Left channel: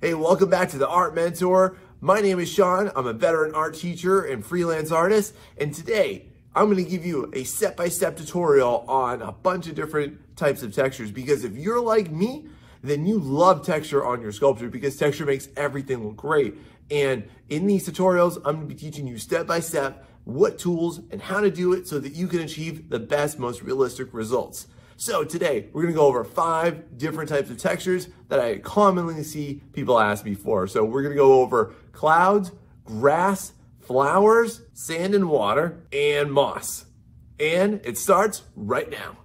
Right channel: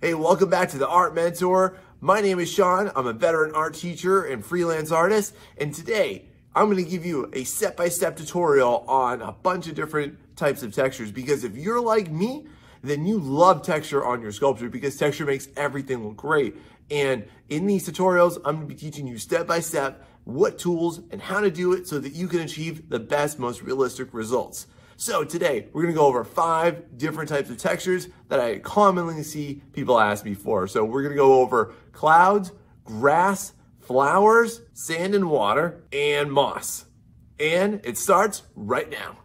Hey, welcome back to the Art Mentor. My name is Sean. I'm a veteran art teacher and freelance artist. And today I'm going to give you a step-by-step tutorial on a bunch of different types of textures, because if you're like me, then you love texture on your sculpture because texture makes everything look great. And in these tutorials, I'm going to be teaching you step-by-step what tools and how to do it so that you can achieve the best, most realistic results. So today, we're gonna go over 5 different types of textures that I commonly see people ask me for. So we're gonna go over clouds, grass, flowers, sand and water, and moss. And it starts right now.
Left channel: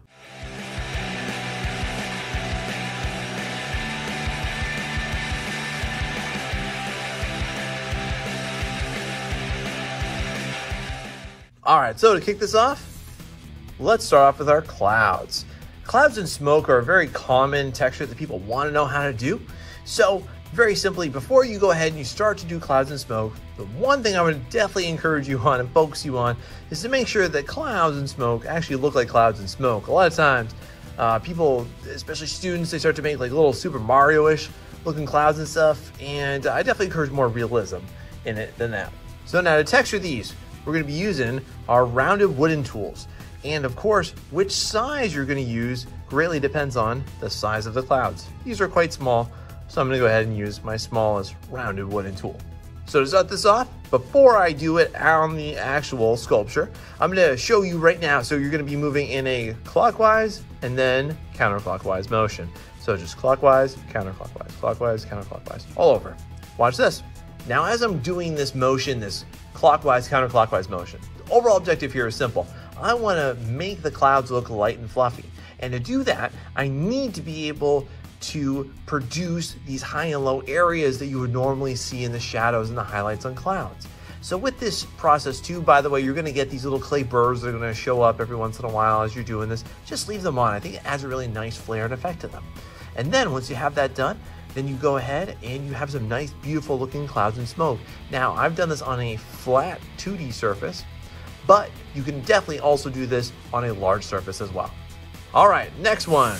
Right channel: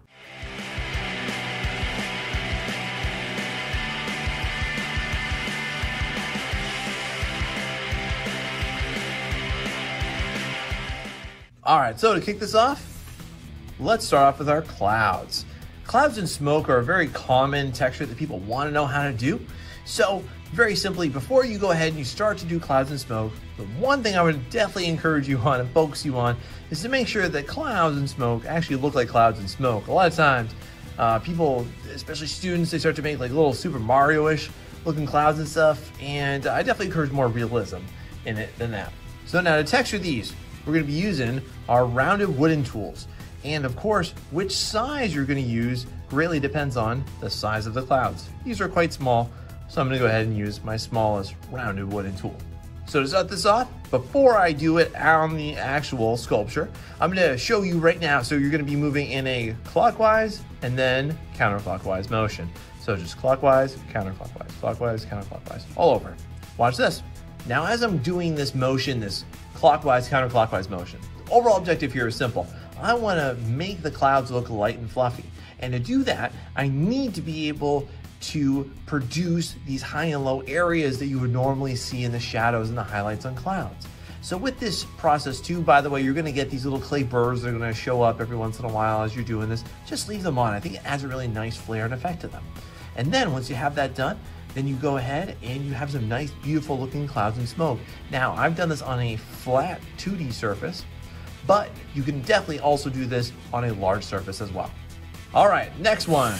All right, so to kick this off, let's start off with our clouds. Clouds and smoke are a very common texture that people want to know how to do. So very simply, before you go ahead and you start to do clouds and smoke, the one thing I would definitely encourage you on and focus you on is to make sure that clouds and smoke actually look like clouds and smoke. A lot of times, people, especially students, they start to make like little Super Mario-ish looking clouds and stuff, and I definitely encourage more realism in it than that. So now to texture these, we're going to be using our rounded wooden tools. And of course, which size you're going to use greatly depends on the size of the clouds. These are quite small, so I'm going to go ahead and use my smallest rounded wooden tool. So to start this off, before I do it on the actual sculpture, I'm going to show you right now. So you're going to be moving in a clockwise and then counterclockwise motion. So just clockwise, counterclockwise, clockwise, counterclockwise, all over. Watch this. Now as I'm doing this motion, this clockwise, counterclockwise motion, the overall objective here is simple. I want to make the clouds look light and fluffy. And to do that, I need to be able to produce these high and low areas that you would normally see in the shadows and the highlights on clouds. So with this process too, by the way, you're going to get these little clay burrs that are going to show up every once in a while as you're doing this. Just leave them on. I think it adds a really nice flair and effect to them. And then once you have that done, then you go ahead and you have some nice, beautiful looking clouds and smoke. Now, I've done this on a flat 2D surface, but you can definitely also do this on a large surface as well. All right, next one.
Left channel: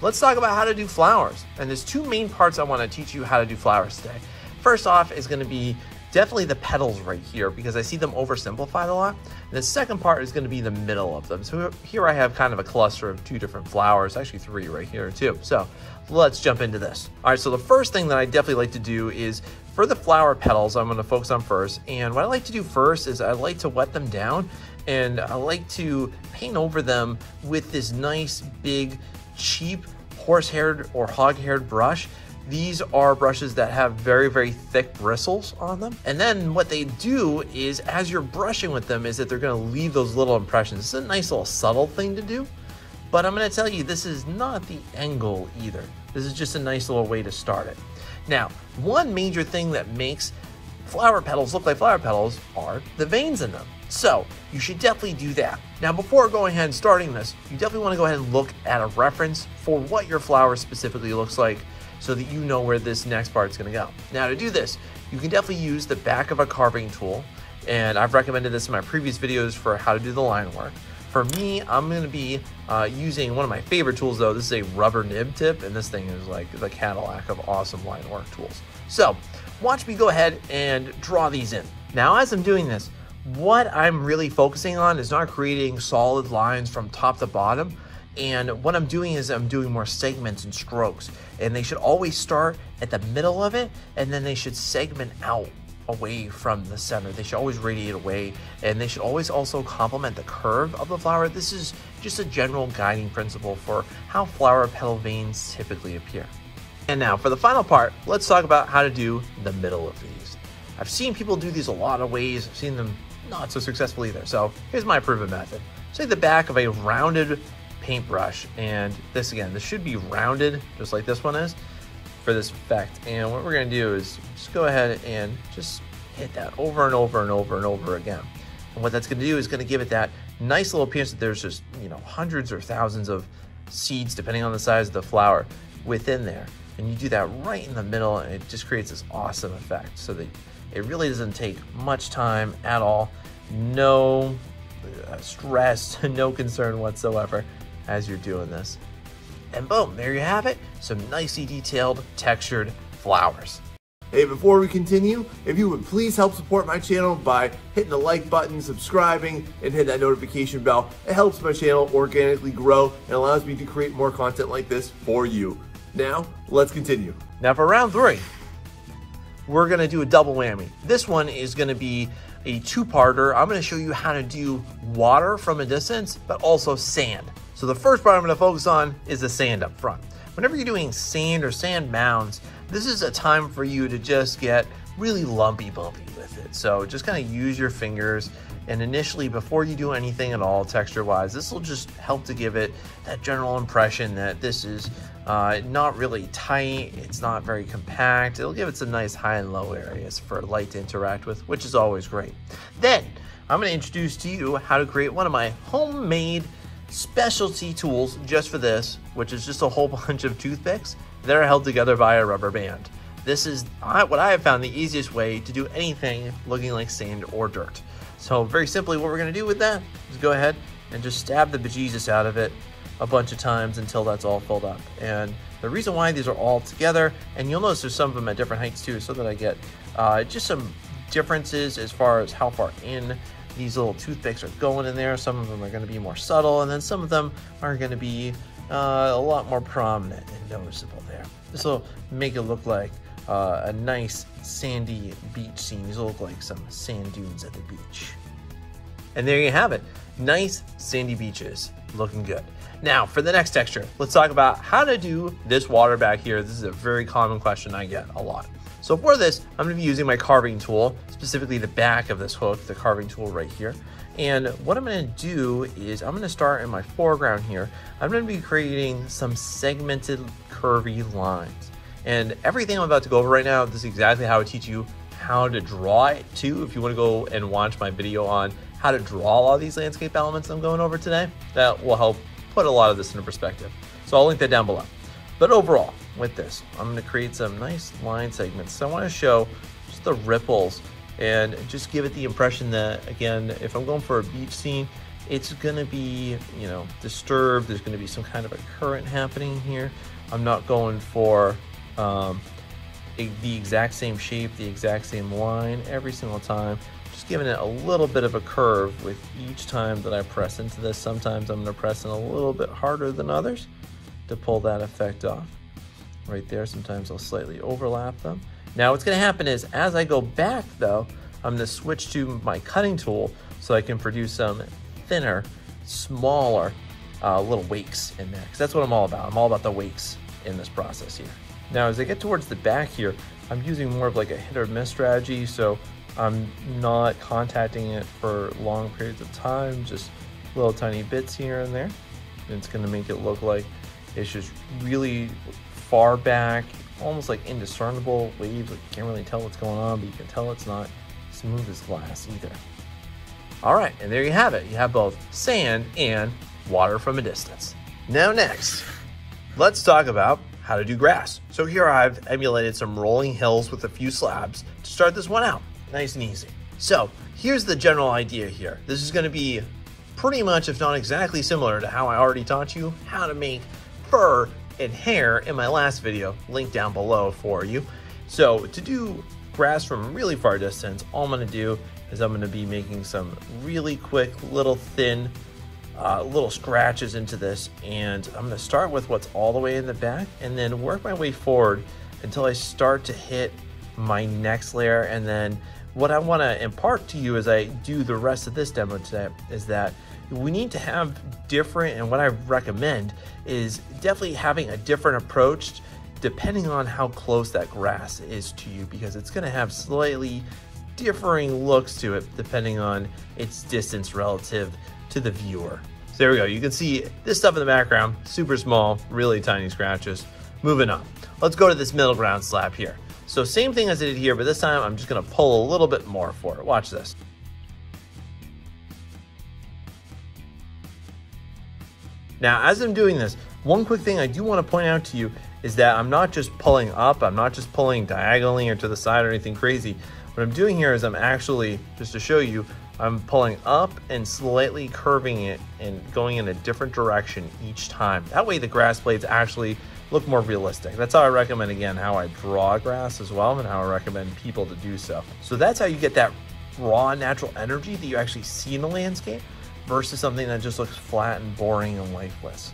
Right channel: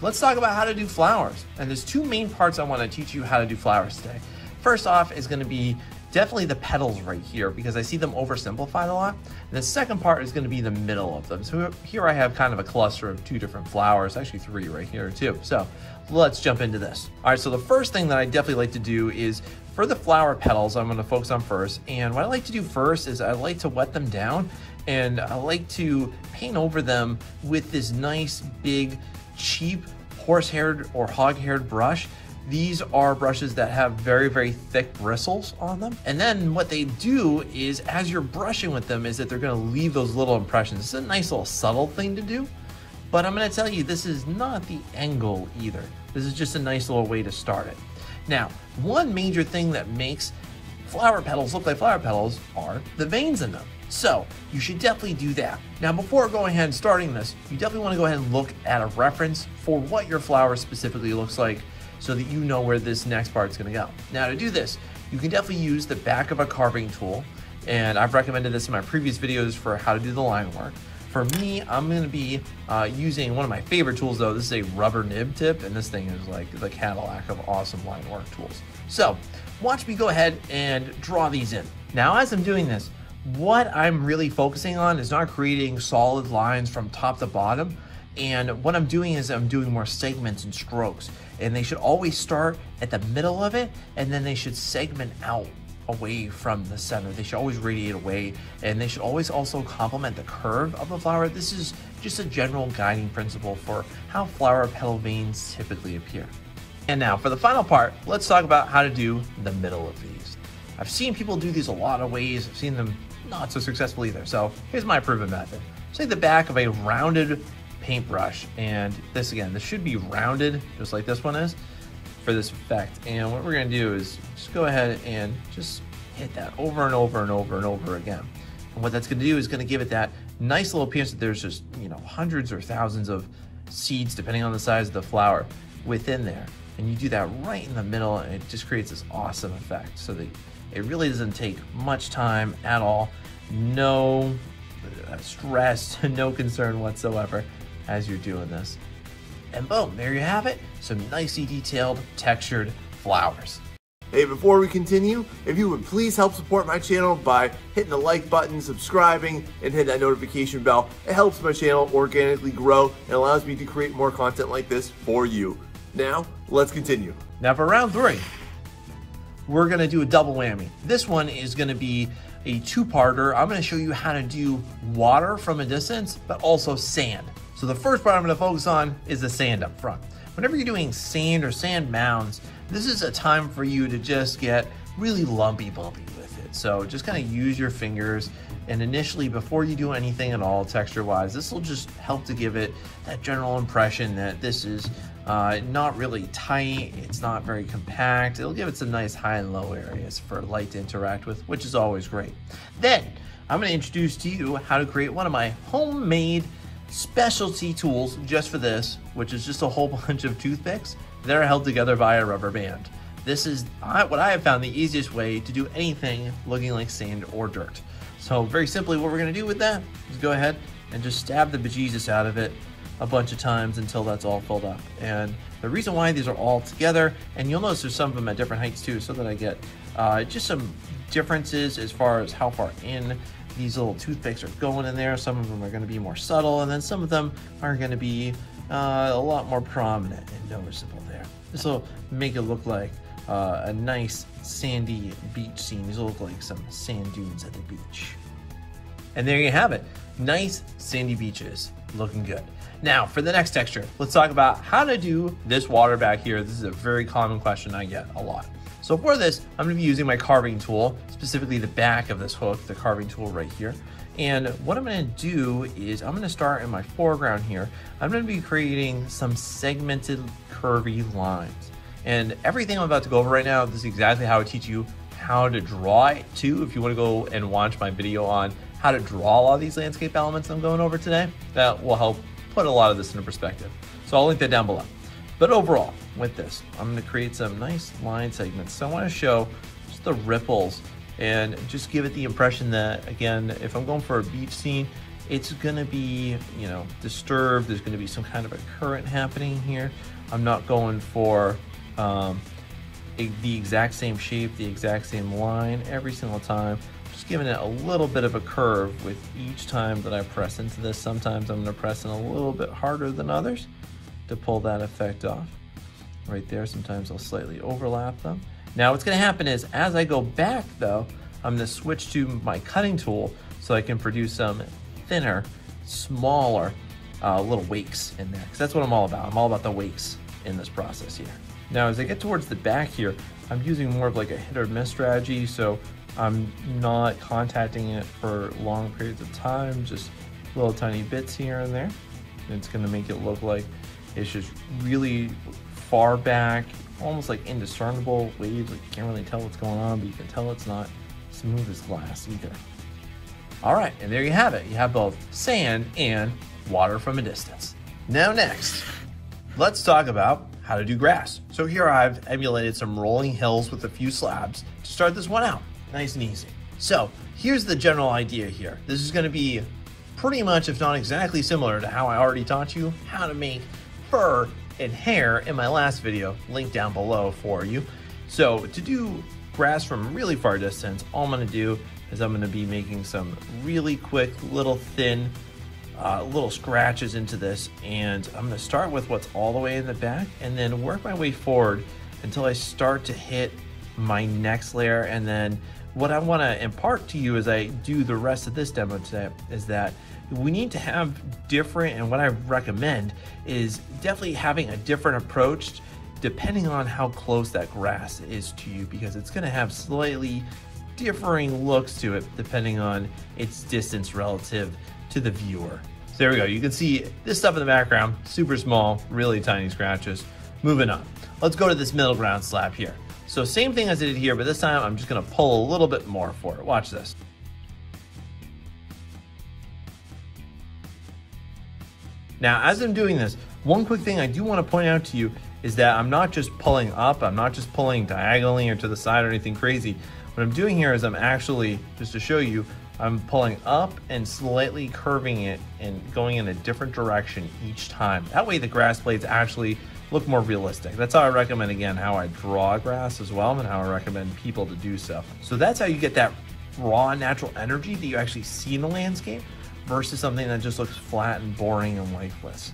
Let's talk about how to do flowers. And there's 2 main parts I want to teach you how to do flowers today. First off is going to be definitely the petals right here, because I see them oversimplified a lot. And the second part is going to be the middle of them. So here I have kind of a cluster of 2 different flowers, actually 3 right here too. So let's jump into this. All right, so the first thing that I definitely like to do is for the flower petals, I'm going to focus on first. And what I like to do first is I like to wet them down, and I like to paint over them with this nice, big, cheap horse-haired or hog-haired brush. These are brushes that have very, very thick bristles on them. And then what they do is, as you're brushing with them, is that they're going to leave those little impressions. It's a nice little subtle thing to do. But I'm going to tell you, this is not the end goal either. This is just a nice little way to start it. Now, one major thing that makes flower petals look like flower petals are the veins in them. So you should definitely do that. Now, before going ahead and starting this, you definitely want to go ahead and look at a reference for what your flower specifically looks like so that you know where this next part is going to go. Now, to do this, you can definitely use the back of a carving tool. And I've recommended this in my previous videos for how to do the line work. For me, I'm going to be using one of my favorite tools though. This is a rubber nib tip, and this thing is like the Cadillac of awesome line work tools. So watch me go ahead and draw these in. Now, as I'm doing this, what I'm really focusing on is not creating solid lines from top to bottom. And what I'm doing is I'm doing more segments and strokes, and they should always start at the middle of it, and then they should segment out away from the center. They should always radiate away, and they should always also complement the curve of the flower. This is just a general guiding principle for how flower petal veins typically appear. And now for the final part, let's talk about how to do the middle of these. I've seen people do these a lot of ways. I've seen them not so successful either. So here's my proven method. Take the back of a rounded paintbrush, and this again, this should be rounded just like this one is for this effect. And what we're going to do is just go ahead and just hit that over and over and over and over again. And what that's going to do is going to give it that nice little appearance that there's just, you know, hundreds or thousands of seeds, depending on the size of the flower, within there. And you do that right in the middle, and it just creates this awesome effect so that it really doesn't take much time at all. No stress, no concern whatsoever as you're doing this. And boom, there you have it. Some nicely detailed, textured flowers. Hey, before we continue, if you would please help support my channel by hitting the like button, subscribing, and hit that notification bell. It helps my channel organically grow and allows me to create more content like this for you. Now, let's continue. Now for round 3, we're gonna do a double whammy. This one is gonna be a two-parter. I'm gonna show you how to do water from a distance, but also sand. So the first part I'm gonna focus on is the sand up front. Whenever you're doing sand or sand mounds, this is a time for you to just get really lumpy bumpy with it. So just kind of use your fingers, and initially before you do anything at all texture wise, this will just help to give it that general impression that this is not really tight, it's not very compact. It'll give it some nice high and low areas for light to interact with, which is always great. Then I'm going to introduce to you how to create one of my homemade specialty tools just for this, which is just a whole bunch of toothpicks that are held together by a rubber band. This is what I have found the easiest way to do anything looking like sand or dirt. So very simply, what we're gonna do with that is go ahead and just stab the bejesus out of it a bunch of times until that's all filled up. And the reason why these are all together, and you'll notice there's some of them at different heights too, so that I get just some differences as far as how far in these little toothpicks are going in there. Some of them are gonna be more subtle, and then some of them are gonna be a lot more prominent and noticeable there. This will make it look like a nice sandy beach scene. These will look like some sand dunes at the beach. And there you have it. Nice sandy beaches, looking good. Now for the next texture, let's talk about how to do this water back here. This is a very common question I get a lot. So for this, I'm gonna be using my carving tool, specifically the back of this hook, the carving tool right here. And what I'm gonna do is I'm gonna start in my foreground here. I'm gonna be creating some segmented curvy lines. And everything I'm about to go over right now, this is exactly how I teach you how to draw it too. If you wanna go and watch my video on how to draw all these landscape elements I'm going over today, that will help put a lot of this into perspective. So I'll link that down below. But overall, with this, I'm gonna create some nice line segments. So I wanna show just the ripples and just give it the impression that, again, if I'm going for a beach scene, it's gonna be, you know, disturbed. There's gonna be some kind of a current happening here. I'm not going for the exact same shape, the exact same line every single time. Just giving it a little bit of a curve with each time that I press into this. Sometimes I'm gonna press in a little bit harder than others to pull that effect off. Right there, sometimes I'll slightly overlap them. Now what's gonna happen is, as I go back though, I'm gonna switch to my cutting tool so I can produce some thinner, smaller little wakes in there. Because that's what I'm all about. I'm all about the wakes in this process here. Now as I get towards the back here, I'm using more of like a hit or miss strategy, so I'm not contacting it for long periods of time, just little tiny bits here and there. And it's gonna make it look like it's just really far back, almost like indiscernible waves. Like you can't really tell what's going on, but you can tell it's not smooth as glass either. All right, and there you have it. You have both sand and water from a distance. Now next, let's talk about how to do grass. So here I've emulated some rolling hills with a few slabs to start this one out, nice and easy. So here's the general idea here. This is gonna be pretty much, if not exactly similar to how I already taught you how to make fur and hair in my last video, linked down below for you. So to do grass from really far distance, all I'm gonna do is I'm gonna be making some really quick little thin little scratches into this, and I'm gonna start with what's all the way in the back and then work my way forward until I start to hit my next layer. And then what I wanna impart to you as I do the rest of this demo today is that we need to have different, and what I recommend is definitely having a different approach depending on how close that grass is to you, because it's gonna have slightly differing looks to it depending on its distance relative to the viewer. So there we go, you can see this stuff in the background, super small, really tiny scratches. Moving on, let's go to this middle ground slab here. So same thing as I did here, but this time I'm just gonna pull a little bit more for it. Watch this. Now, as I'm doing this, one quick thing I do want to point out to you is that I'm not just pulling up, I'm not just pulling diagonally or to the side or anything crazy. What I'm doing here is I'm actually, just to show you, I'm pulling up and slightly curving it and going in a different direction each time. That way the grass blades actually look more realistic. That's how I recommend, again, how I draw grass as well, and how I recommend people to do so. So that's how you get that raw natural energy that you actually see in the landscape versus something that just looks flat and boring and lifeless.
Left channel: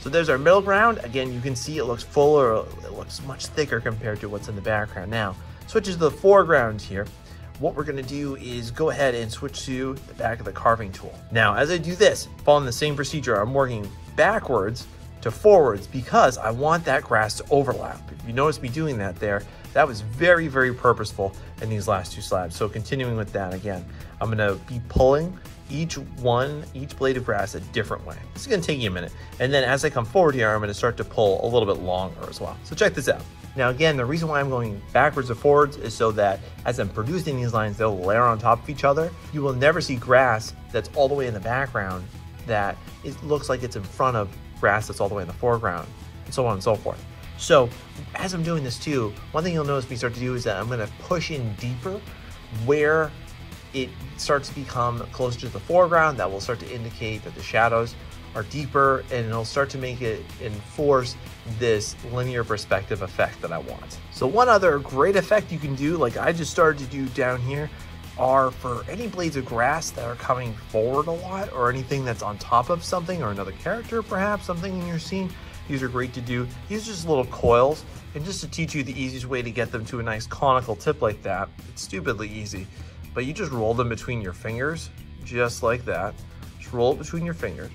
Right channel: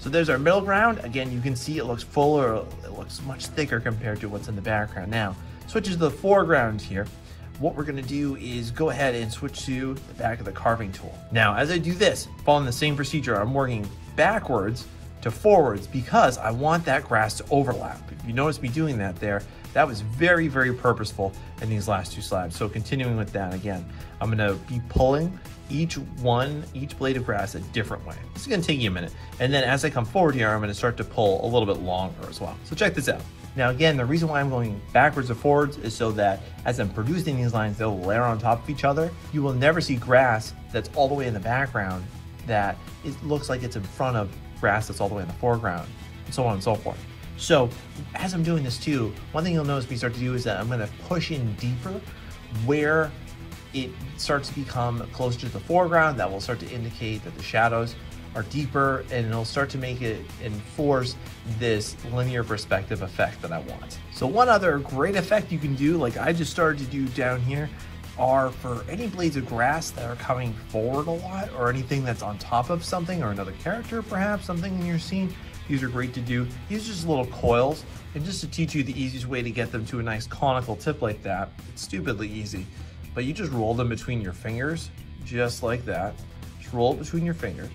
So there's our middle ground. Again, you can see it looks fuller, it looks much thicker compared to what's in the background. Now, switches to the foreground here. What we're gonna do is go ahead and switch to the back of the carving tool. Now, as I do this, following the same procedure, I'm working backwards to forwards because I want that grass to overlap. If you notice me doing that there, that was very, very purposeful in these last two slabs. So continuing with that again, I'm gonna be pulling each blade of grass a different way. This is gonna take you a minute. And then as I come forward here, I'm gonna start to pull a little bit longer as well. So check this out. Now again, the reason why I'm going backwards to forwards is so that as I'm producing these lines, they'll layer on top of each other. You will never see grass that's all the way in the background that it looks like it's in front of grass that's all the way in the foreground, and so on and so forth. So as I'm doing this too, one thing you'll notice me start to do is that I'm gonna push in deeper where it starts to become closer to the foreground. That will start to indicate that the shadows are deeper, and it'll start to make it enforce this linear perspective effect that I want. So one other great effect you can do, like I just started to do down here, are for any blades of grass that are coming forward a lot, or anything that's on top of something or another character, perhaps something in your scene. These are great to do. These are just little coils, and just to teach you the easiest way to get them to a nice conical tip like that, it's stupidly easy, but you just roll them between your fingers, just like that. Just roll it between your fingers,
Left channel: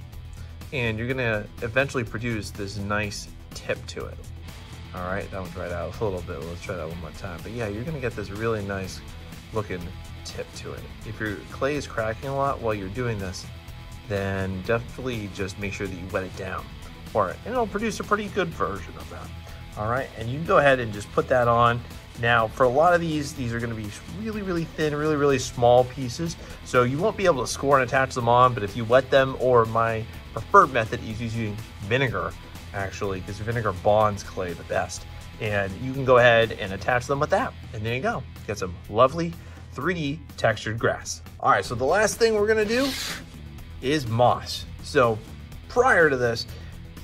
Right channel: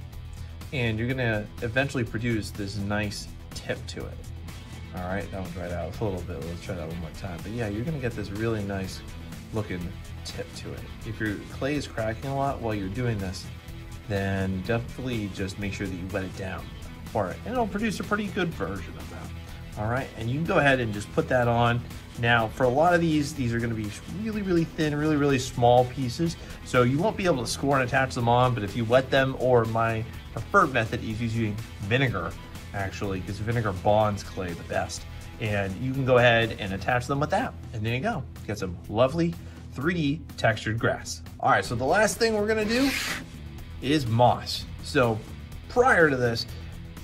and you're gonna eventually produce this nice tip to it. All right, that one dried out a little bit. Let's try that one more time. But yeah, you're gonna get this really nice looking tip to it. If your clay is cracking a lot while you're doing this, then definitely just make sure that you wet it down for it, and it'll produce a pretty good version of that. All right, and you can go ahead and just put that on. Now, for a lot of these are gonna be really, really thin, really, really small pieces, so you won't be able to score and attach them on, but if you wet them, or my preferred method is using vinegar, actually, because vinegar bonds clay the best. And you can go ahead and attach them with that. And there you go. Get some lovely 3D textured grass. All right, so the last thing we're gonna do is moss. So prior to this,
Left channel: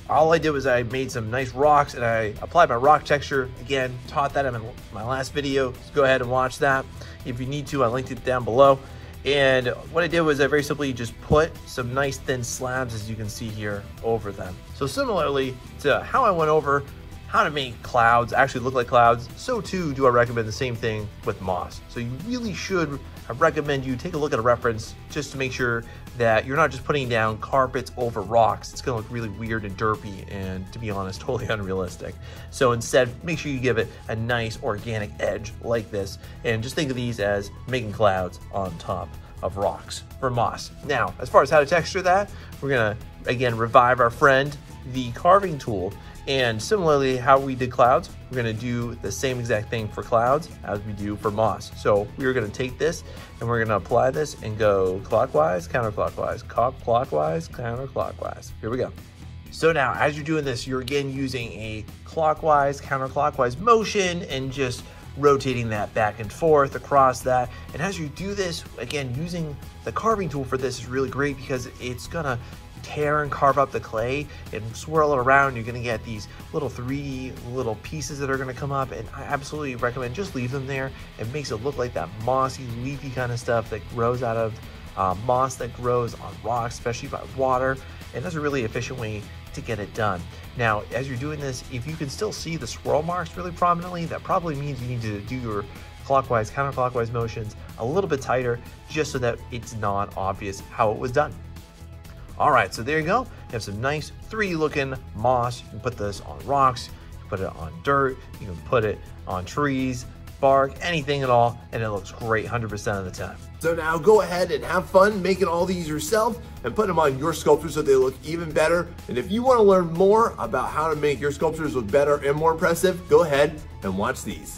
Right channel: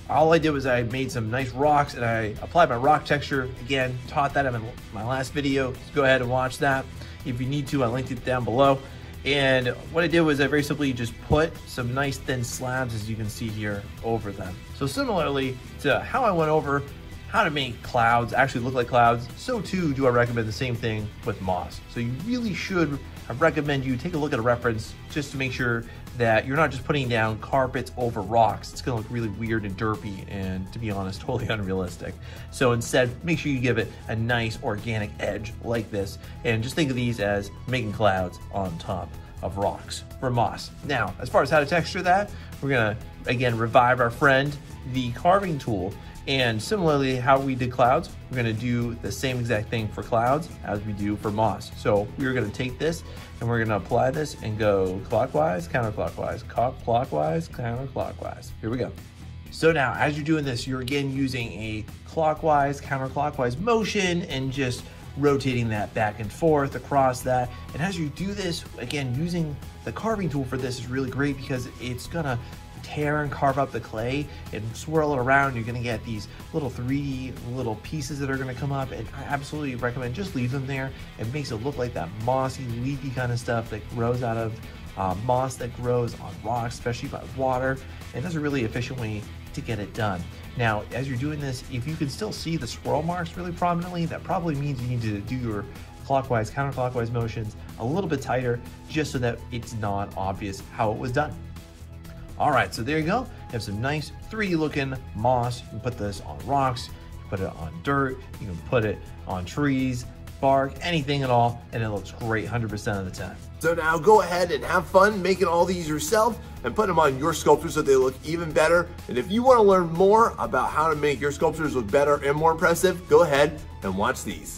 all I did was I made some nice rocks and I applied my rock texture. Again, taught that in my last video. So go ahead and watch that. If you need to, I linked it down below. And what I did was I very simply just put some nice thin slabs, as you can see here, over them. So similarly to how I went over how to make clouds actually look like clouds, so too do I recommend the same thing with moss. So you really should, I recommend you take a look at a reference just to make sure that you're not just putting down carpets over rocks. It's gonna look really weird and derpy and, to be honest, totally unrealistic. So instead, make sure you give it a nice organic edge like this, and just think of these as making clouds on top of rocks for moss. Now, as far as how to texture that, we're gonna, again, revive our friend, the carving tool. And similarly, how we did clouds, we're gonna do the same exact thing for clouds as we do for moss. So we're gonna take this and we're gonna apply this and go clockwise, counterclockwise, clockwise, counterclockwise. Here we go. So now, as you're doing this, you're again using a clockwise, counterclockwise motion and just rotating that back and forth across that. And as you do this, again, using the carving tool for this is really great because it's gonna tear and carve up the clay and swirl it around. You're gonna get these little 3D little pieces that are gonna come up, and I absolutely recommend just leave them there. It makes it look like that mossy, leafy kind of stuff that grows out of moss that grows on rocks, especially by water, and that's a really efficient way to get it done. Now, as you're doing this, if you can still see the swirl marks really prominently, that probably means you need to do your clockwise, counterclockwise motions a little bit tighter, just so that it's not obvious how it was done. All right, so there you go. You have some nice 3D looking moss. You can put this on rocks, you can put it on dirt, you can put it on trees, bark, anything at all, and it looks great 100% of the time. So now go ahead and have fun making all these yourself and put them on your sculptures so they look even better. And if you want to learn more about how to make your sculptures look better and more impressive, go ahead and watch these.